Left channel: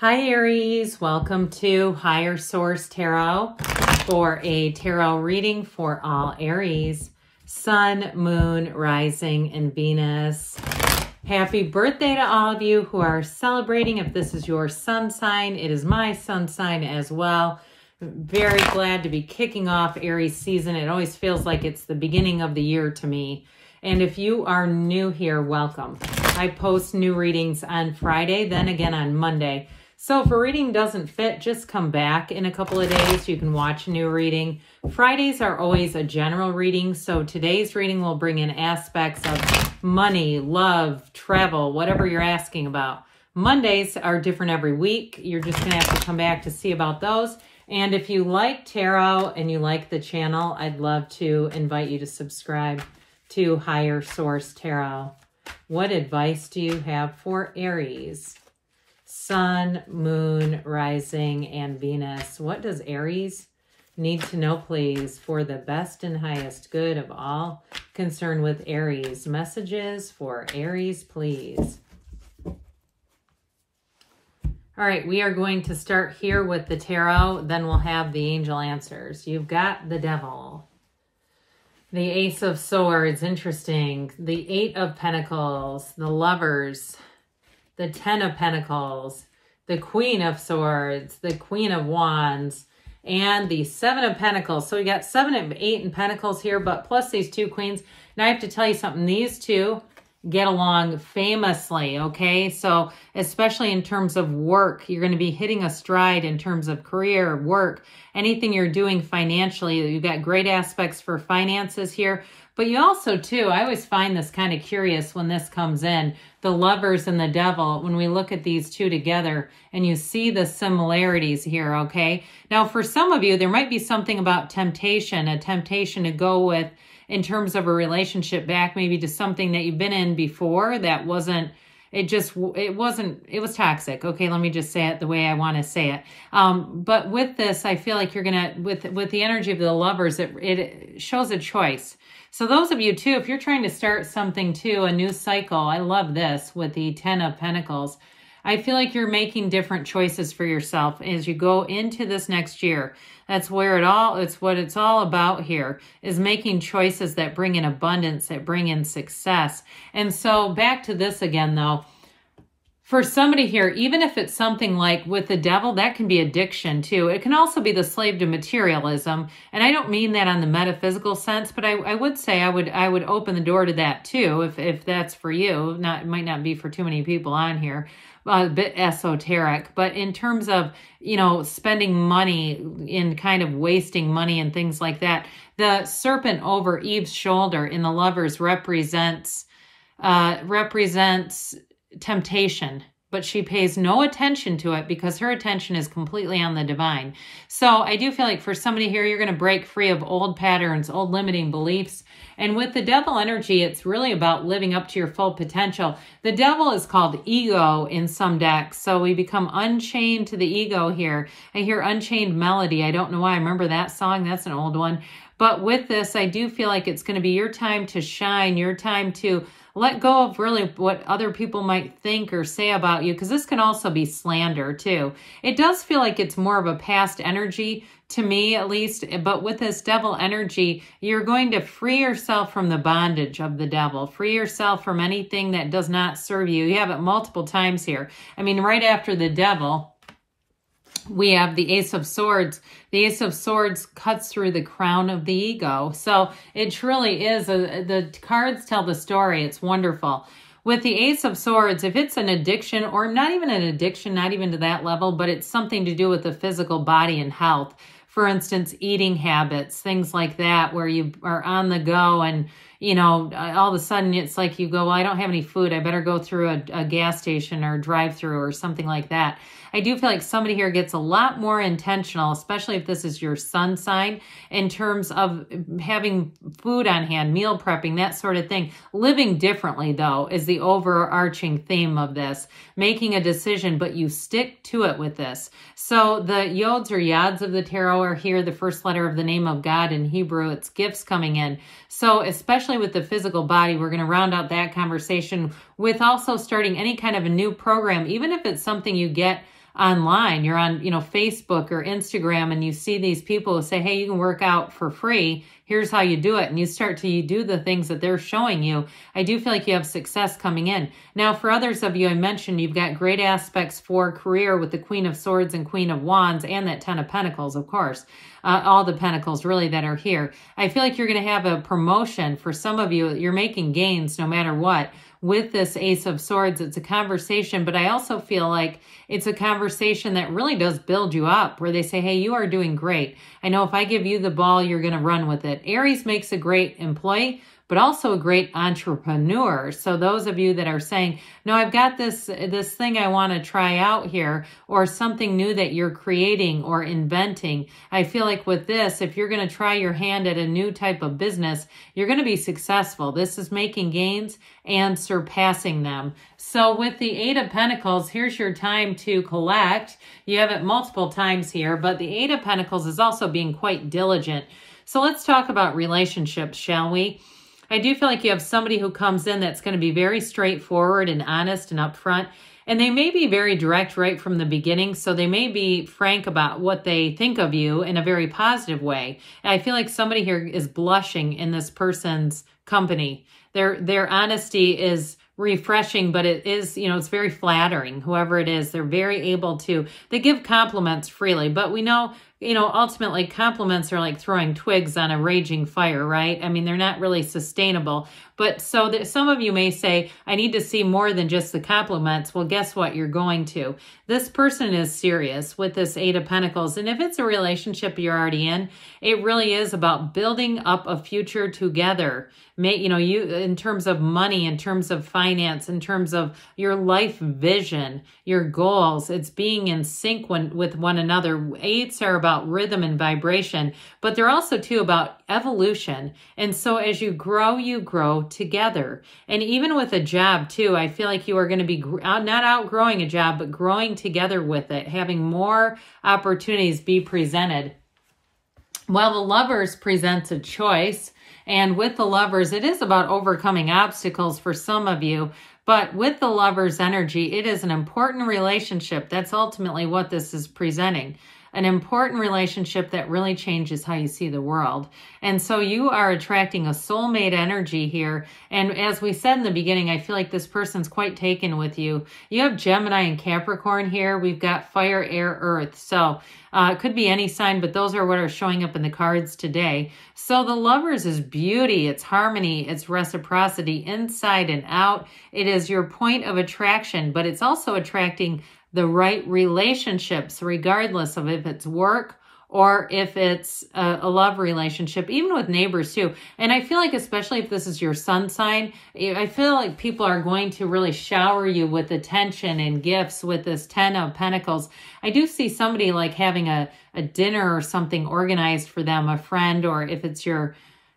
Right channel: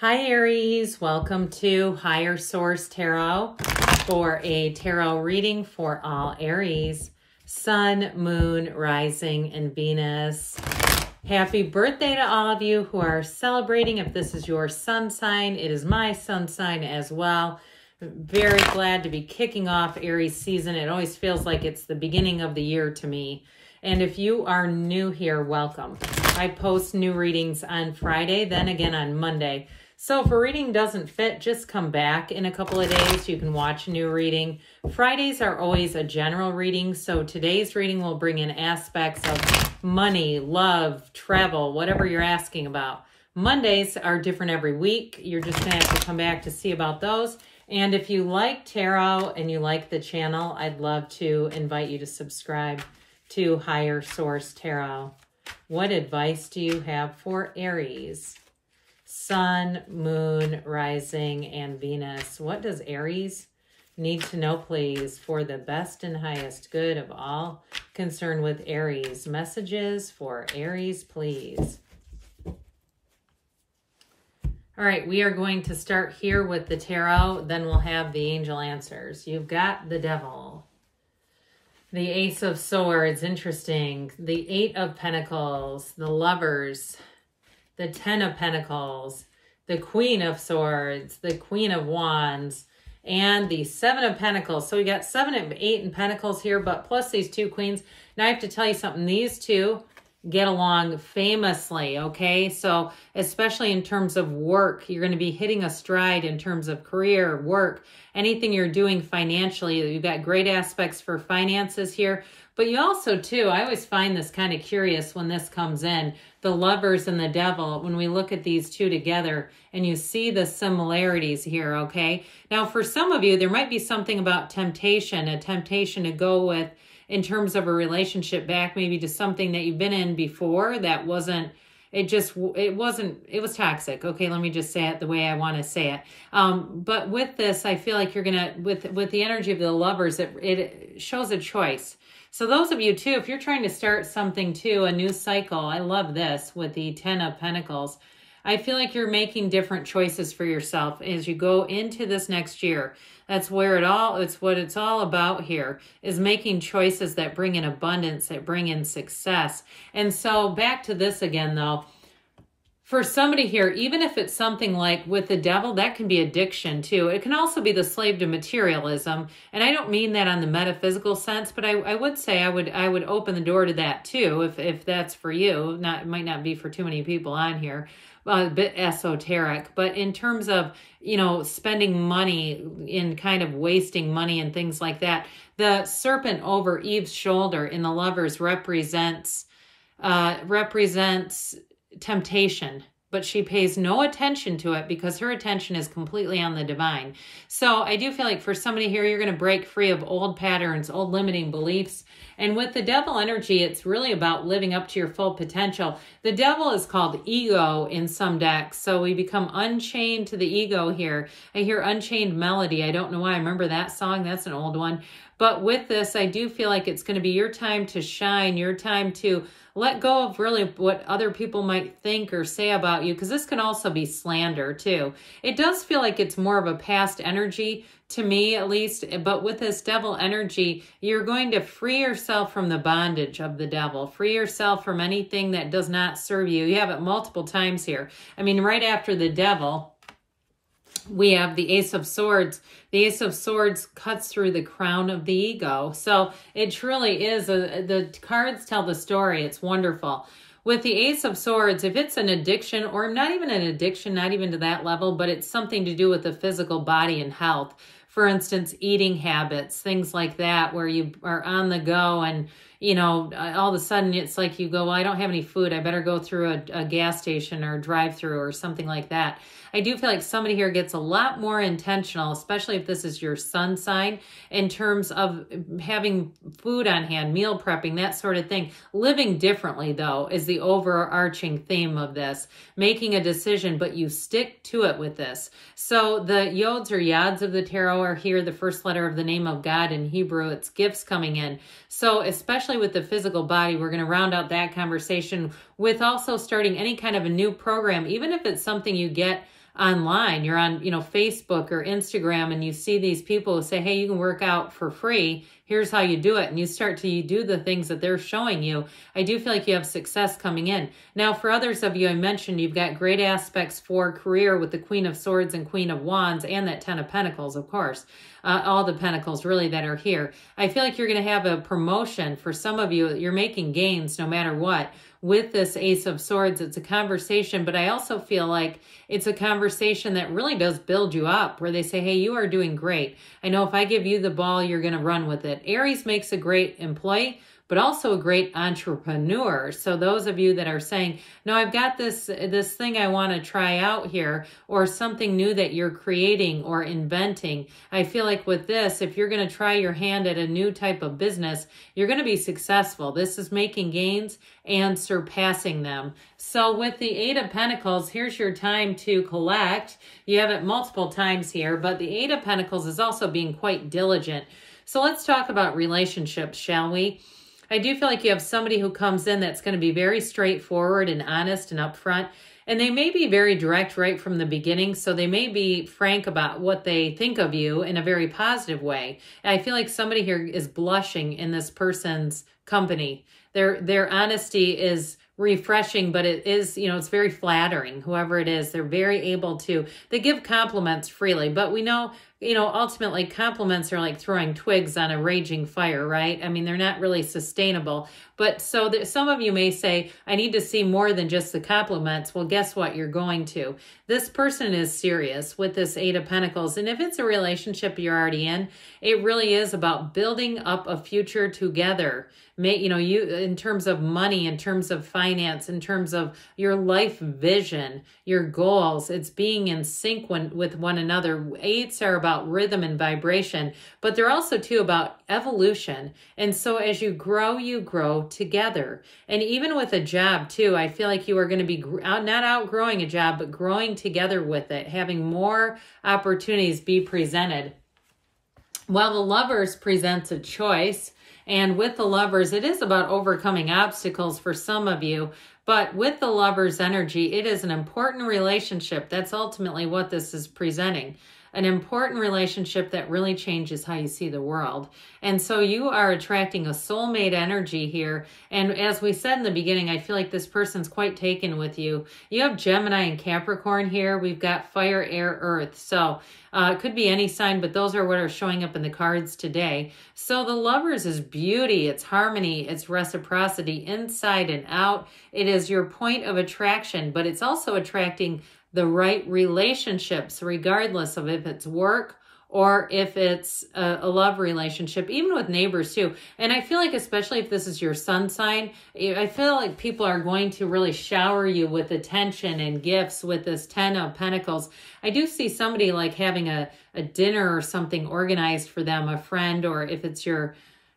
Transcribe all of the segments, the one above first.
Hi Aries, welcome to Higher Source Tarot for a tarot reading for all Aries, Sun, Moon, Rising, and Venus. Happy birthday to all of you who are celebrating. If this is your sun sign, it is my sun sign as well. Very glad to be kicking off Aries season. It always feels like it's the beginning of the year to me. And if you are new here, welcome. I post new readings on Friday, then again on Monday. So if a reading doesn't fit, just come back in a couple of days. You can watch a new reading. Fridays are always a general reading, so today's reading will bring in aspects of money, love, travel, whatever you're asking about. Mondays are different every week. You're just going to have to come back to see about those. And if you like tarot and you like the channel, I'd love to invite you to subscribe to Higher Source Tarot. What advice do you have for Aries? Sun, Moon, Rising, and Venus. What does Aries need to know, please, for the best and highest good of all concerned with Aries? Messages for Aries, please. All right, we are going to start here with the tarot, then we'll have the angel answers. You've got the Devil, the Ace of Swords, interesting, the Eight of Pentacles, the Lovers, the Ten of Pentacles, the Queen of Swords, the Queen of Wands, and the Seven of Pentacles. So we got 7 and 8 in Pentacles here, but plus these two Queens. Now I have to tell you something. These two get along famously, okay? So especially in terms of work, you're going to be hitting a stride in terms of career, work, anything you're doing financially. You've got great aspects for finances here. But you also, too, I always find this kind of curious when this comes in, the Lovers and the Devil, when we look at these two together and you see the similarities here, okay? Now, for some of you, there might be something about temptation, a temptation to go with, in terms of a relationship back maybe to something that you've been in before that wasn't, it was toxic. Okay, let me just say it the way I want to say it. But with this, I feel like you're going to, with the energy of the Lovers, it shows a choice. So those of you, too, if you're trying to start something, too, a new cycle, I love this with the Ten of Pentacles. I feel like you're making different choices for yourself as you go into this next year. That's where it's what it's all about here, is making choices that bring in abundance, that bring in success. And so back to this again, though. For somebody here, even if it's something like with the Devil, that can be addiction too. It can also be the slave to materialism. And I don't mean that on the metaphysical sense, but I would say I would open the door to that too, if that's for you. It might not be for too many people on here, a bit esoteric. But in terms of, you know, spending money in kind of wasting money and things like that, the serpent over Eve's shoulder in the Lovers represents temptation, but she pays no attention to it because her attention is completely on the divine. So I do feel like for somebody here, you're going to break free of old patterns, old limiting beliefs. And with the Devil energy, it's really about living up to your full potential. The Devil is called ego in some decks. So we become unchained to the ego here. I hear Unchained Melody. I don't know why I remember that song. That's an old one. But with this, I do feel like it's going to be your time to shine, your time to let go of really what other people might think or say about you, because this can also be slander too. It does feel like it's more of a past energy to me, at least, but with this Devil energy, you're going to free yourself from the bondage of the Devil, free yourself from anything that does not serve you. You have it multiple times here. I mean, right after the Devil, we have the Ace of Swords. The Ace of Swords cuts through the crown of the ego. So it truly is, the cards tell the story. It's wonderful. With the Ace of Swords, if it's an addiction, or not even an addiction, not even to that level, but it's something to do with the physical body and health. For instance, eating habits, things like that, where you are on the go and, you know, all of a sudden it's like you go, well, I don't have any food. I better go through a gas station or drive-through or something like that. I do feel like somebody here gets a lot more intentional, especially if this is your sun sign, in terms of having food on hand, meal prepping, that sort of thing. Living differently, though, is the overarching theme of this. Making a decision, but you stick to it with this. So the yods or yads of the tarot are here, the first letter of the name of God in Hebrew. It's gifts coming in. So especially with the physical body, we're going to round out that conversation with also starting any kind of a new program, even if it's something you get online, you're on, you know, Facebook or Instagram, and you see these people who say, hey, you can work out for free. Here's how you do it. And you start to do the things that they're showing you. I do feel like you have success coming in. Now, for others of you, I mentioned you've got great aspects for career with the Queen of Swords and Queen of Wands and that 10 of Pentacles, of course. All the pentacles really that are here. I feel like you're going to have a promotion. For some of you, you're making gains no matter what. With this Ace of Swords, it's a conversation, but I also feel like it's a conversation that really does build you up, where they say, hey, you are doing great. I know if I give you the ball, you're going to run with it. Aries makes a great employee, but also a great entrepreneur. So those of you that are saying, no, I've got this thing I want to try out here, or something new that you're creating or inventing, I feel like with this, if you're going to try your hand at a new type of business, you're going to be successful. This is making gains and surpassing them. So with the 8 of Pentacles, here's your time to collect. You have it multiple times here, but the 8 of Pentacles is also being quite diligent. So let's talk about relationships, shall we? I do feel like you have somebody who comes in that's going to be very straightforward and honest and upfront. And they may be very direct right from the beginning. So they may be frank about what they think of you in a very positive way. And I feel like somebody here is blushing in this person's company. Their honesty is refreshing, but it is, you know, it's very flattering. Whoever it is, they're very able to, they give compliments freely. But we know, you know, ultimately compliments are like throwing twigs on a raging fire, right? I mean, they're not really sustainable. But so that some of you may say, I need to see more than just the compliments. Well, guess what? You're going to. This person is serious with this 8 of Pentacles. And if it's a relationship you're already in, it really is about building up a future together. You know, you in terms of money, in terms of finance, in terms of your life vision, your goals, it's being in sync with one another. 8s are about rhythm and vibration, but they're also too about evolution. And so as you grow together. And even with a job too, I feel like you are going to be not outgrowing a job, but growing together with it, having more opportunities be presented. Well, the Lovers presents a choice. And with the Lovers, it is about overcoming obstacles for some of you. But with the Lovers energy, it is an important relationship. That's ultimately what this is presenting. An important relationship that really changes how you see the world. And so you are attracting a soulmate energy here. And as we said in the beginning, I feel like this person's quite taken with you. You have Gemini and Capricorn here. We've got fire, air, earth. So it could be any sign, but those are what are showing up in the cards today. So the Lovers is beauty, it's harmony, it's reciprocity inside and out. It is your point of attraction, but it's also attracting the right relationships, regardless of if it's work or if it's a love relationship, even with neighbors too. And I feel like, especially if this is your sun sign, I feel like people are going to really shower you with attention and gifts with this 10 of Pentacles. I do see somebody like having a dinner or something organized for them, a friend, or if it's a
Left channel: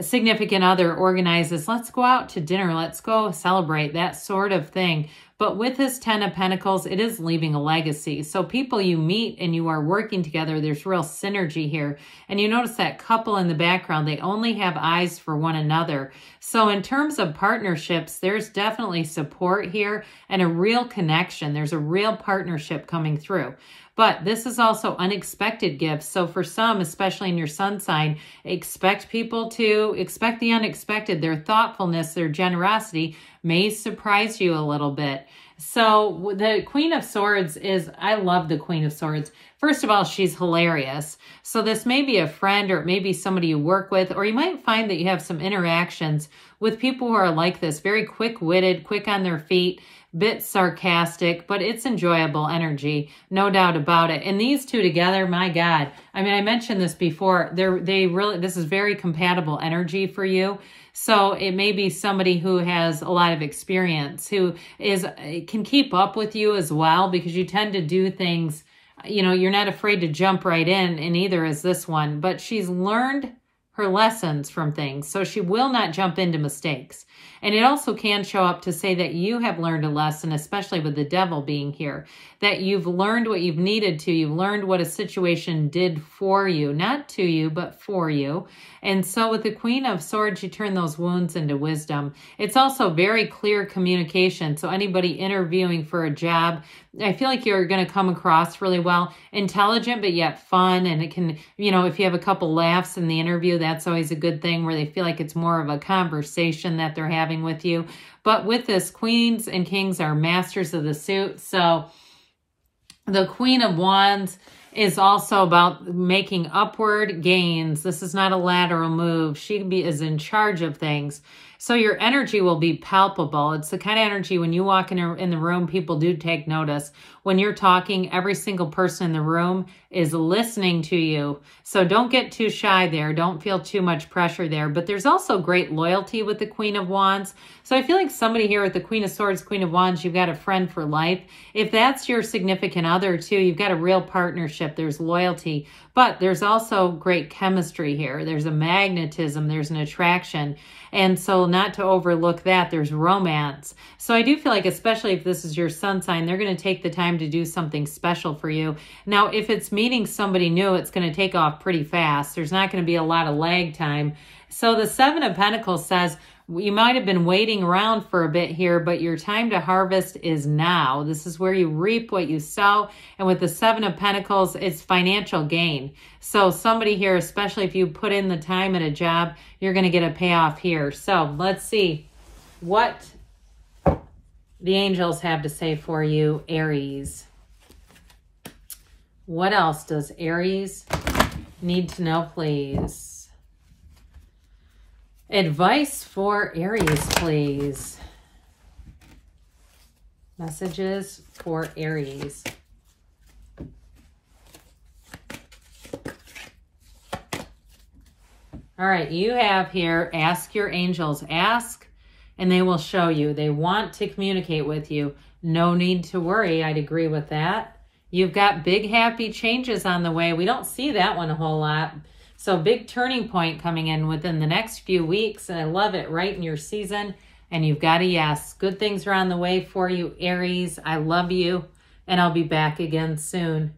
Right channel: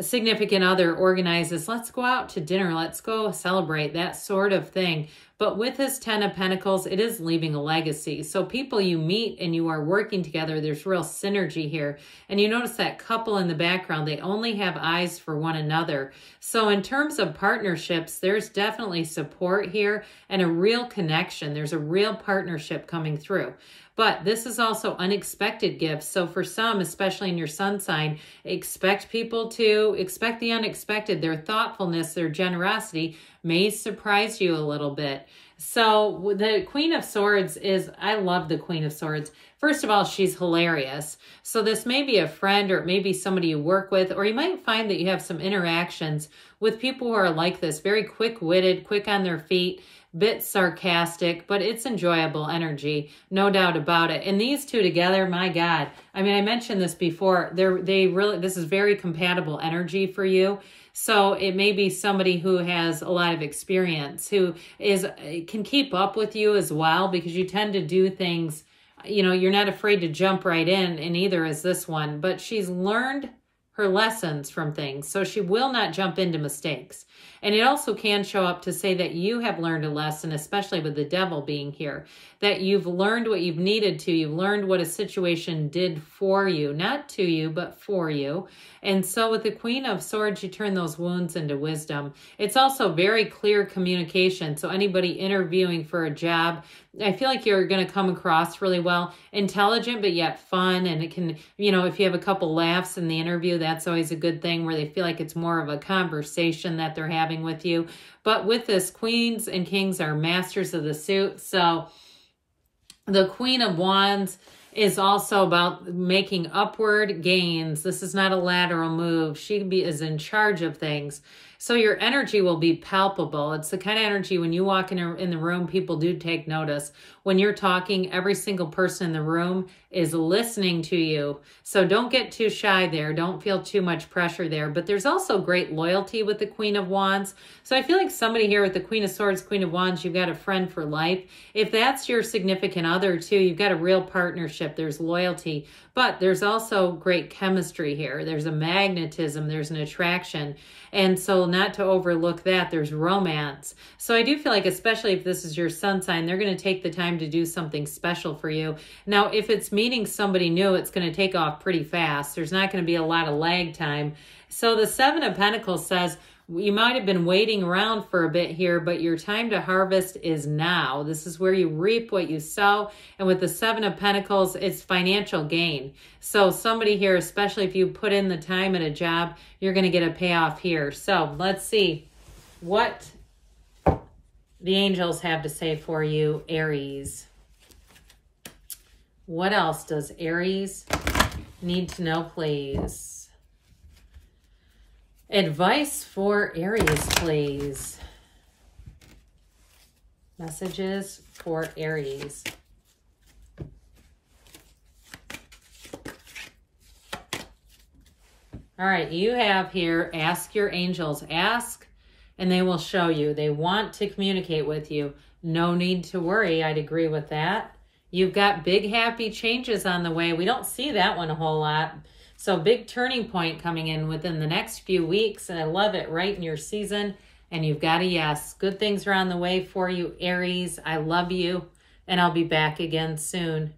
significant other organizes, let's go out to dinner, let's go celebrate, that sort of thing. But with this 10 of Pentacles, it is leaving a legacy. So people you meet and you are working together, there's real synergy here. And you notice that couple in the background, they only have eyes for one another. So in terms of partnerships, there's definitely support here and a real connection. There's a real partnership coming through. But this is also unexpected gifts. So for some, especially in your sun sign, expect people to expect the unexpected. Their thoughtfulness, their generosity may surprise you a little bit. So the Queen of Swords is, I love the Queen of Swords. First of all, she's hilarious. So this may be a friend, or it may be somebody you work with, or you might find that you have some interactions with people who are like this, very quick-witted, quick on their feet, bit sarcastic, but it's enjoyable energy, no doubt about it. And these two together, my God, I mean, I mentioned this before, this is very compatible energy for you. So it may be somebody who has a lot of experience, who can keep up with you as well, because you tend to do things, you know, you're not afraid to jump right in, and neither is this one, but she's learned her lessons from things, so she will not jump into mistakes. And it also can show up to say that you have learned a lesson, especially with the Devil being here. that you've learned what you've needed to. You've learned what a situation did for you, not to you, but for you. And so with the Queen of Swords, you turn those wounds into wisdom. It's also very clear communication. So anybody interviewing for a job, I feel like you're going to come across really well. Intelligent, but yet fun. And it can, you know, if you have a couple laughs in the interview, that's always a good thing, where they feel like it's more of a conversation that they're having with you. But with this, queens and kings are masters of the suit. So the Queen of Wands is also about making upward gains. This is not a lateral move. She is in charge of things. So your energy will be palpable. It's the kind of energy when you walk in the room, people do take notice. When you're talking, every single person in the room is listening to you. So don't get too shy there. Don't feel too much pressure there. But there's also great loyalty with the Queen of Wands. So I feel like somebody here with the Queen of Swords, Queen of Wands, you've got a friend for life. If that's your significant other too, you've got a real partnership. There's loyalty. But there's also great chemistry here. There's a magnetism. There's an attraction. And so not to overlook that, there's romance. So I do feel like, especially if this is your sun sign, they're going to take the time to do something special for you. Now, if it's meeting somebody new, it's going to take off pretty fast. There's not going to be a lot of lag time. So the Seven of Pentacles says, you might have been waiting around for a bit here, but your time to harvest is now. This is where you reap what you sow. And with the Seven of Pentacles, it's financial gain. So somebody here, especially if you put in the time at a job, you're going to get a payoff here. So let's see what the angels have to say for you, Aries. What else does Aries need to know, please? Advice for Aries, please. Messages for Aries. All right, you have here, ask your angels. Ask, and they will show you. They want to communicate with you. No need to worry. I'd agree with that. You've got big, happy changes on the way. We don't see that one a whole lot. So big turning point coming in within the next few weeks. And I love it, right in your season. And you've got a yes. Good things are on the way for you, Aries. I love you. And I'll be back again soon.